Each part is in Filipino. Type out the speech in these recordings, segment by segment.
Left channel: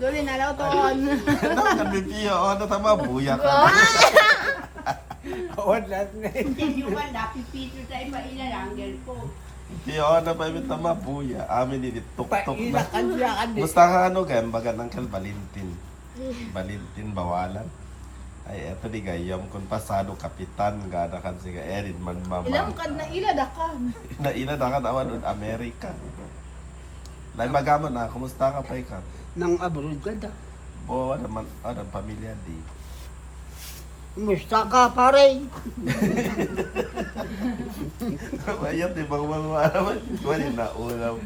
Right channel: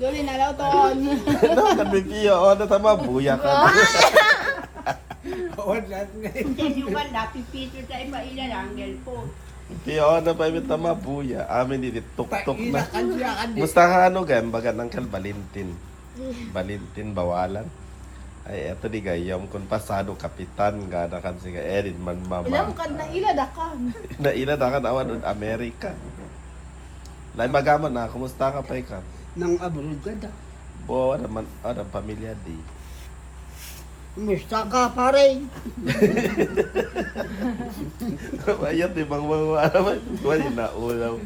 Duli na law ton. Ano ka bibiyo? Ano tama buya ka? Wala na. Hindi yung ganda, pipito tayo mailalanggal po. Piyo ano pa yung tama buya. Amin dito tuk-tuk na. Pailakan siya ka din. Gusto ka ano gan? Baga ng kan Valentin. Valentin bawalan. Ay, eto di gayam kung pasado kapitan gana kan si Erin magmama. Ilang kad na ila dakan. Naila na kan awan Amerika. Lain magaman na, kumusta ka pa ikaw? Nang abroad ka da. Bo, naman, pamilya di. Musta ka pare? Ayun, di bang naman? Wala na, ulaw.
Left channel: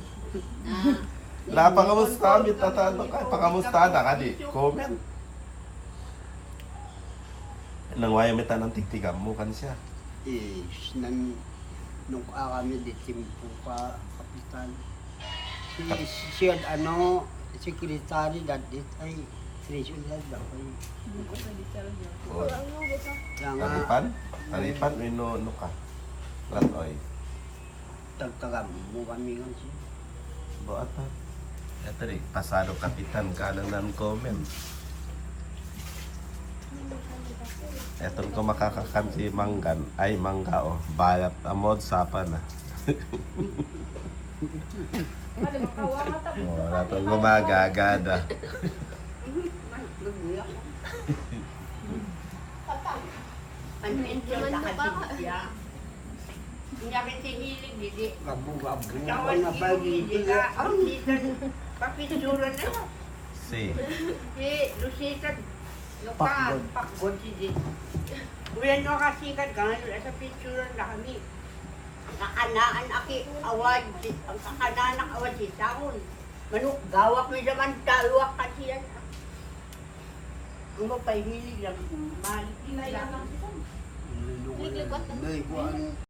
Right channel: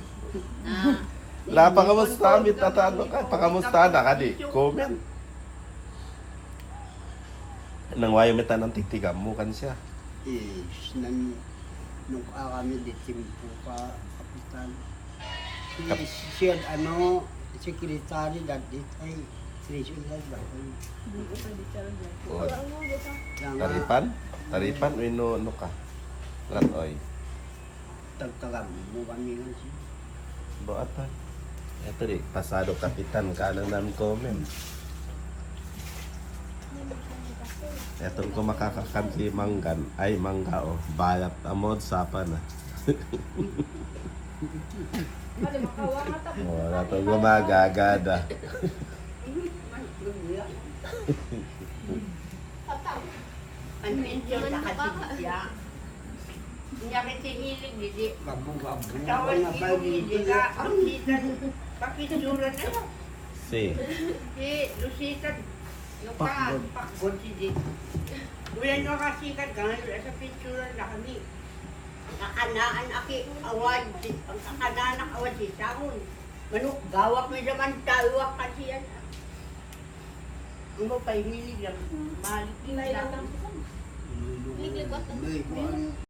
Wala pa kamusta kami, tatano ka, pakamusta na ka di. Comment. Nang wayo meta ng tigtigan mo kan siya. Nung kami di timpo ka kapitan. Siya ano, sekretary dati ay treasurer daw ay. Taripan? Taripan, minu ano ka? Latoy. Tagtagam mo kami kan siya. Doon ata. Ito di, pasado kapitan ka nang comment. Etong ko makakakan si Manggan, ay Mangga o, balat amod sapa na. Wala pang gumagagada. Ang pinsyon na kasi siya. Hindi kami sinilig, hindi. Gabu-gabu Tawag na ba dito ka, ang litan. Papitsura na yun. Si, Si Lucita, Lukan, Pakbon si Di. Ulan nyo kasikat ka nga sa picture na kami. Kakanaan aki awad, ang kakanaan ang awad si Samon. Manok, gawak mo naman talwak kasi yan. Ang mo pa hilig lang, mahal. Ingay lang lang. Lilikot.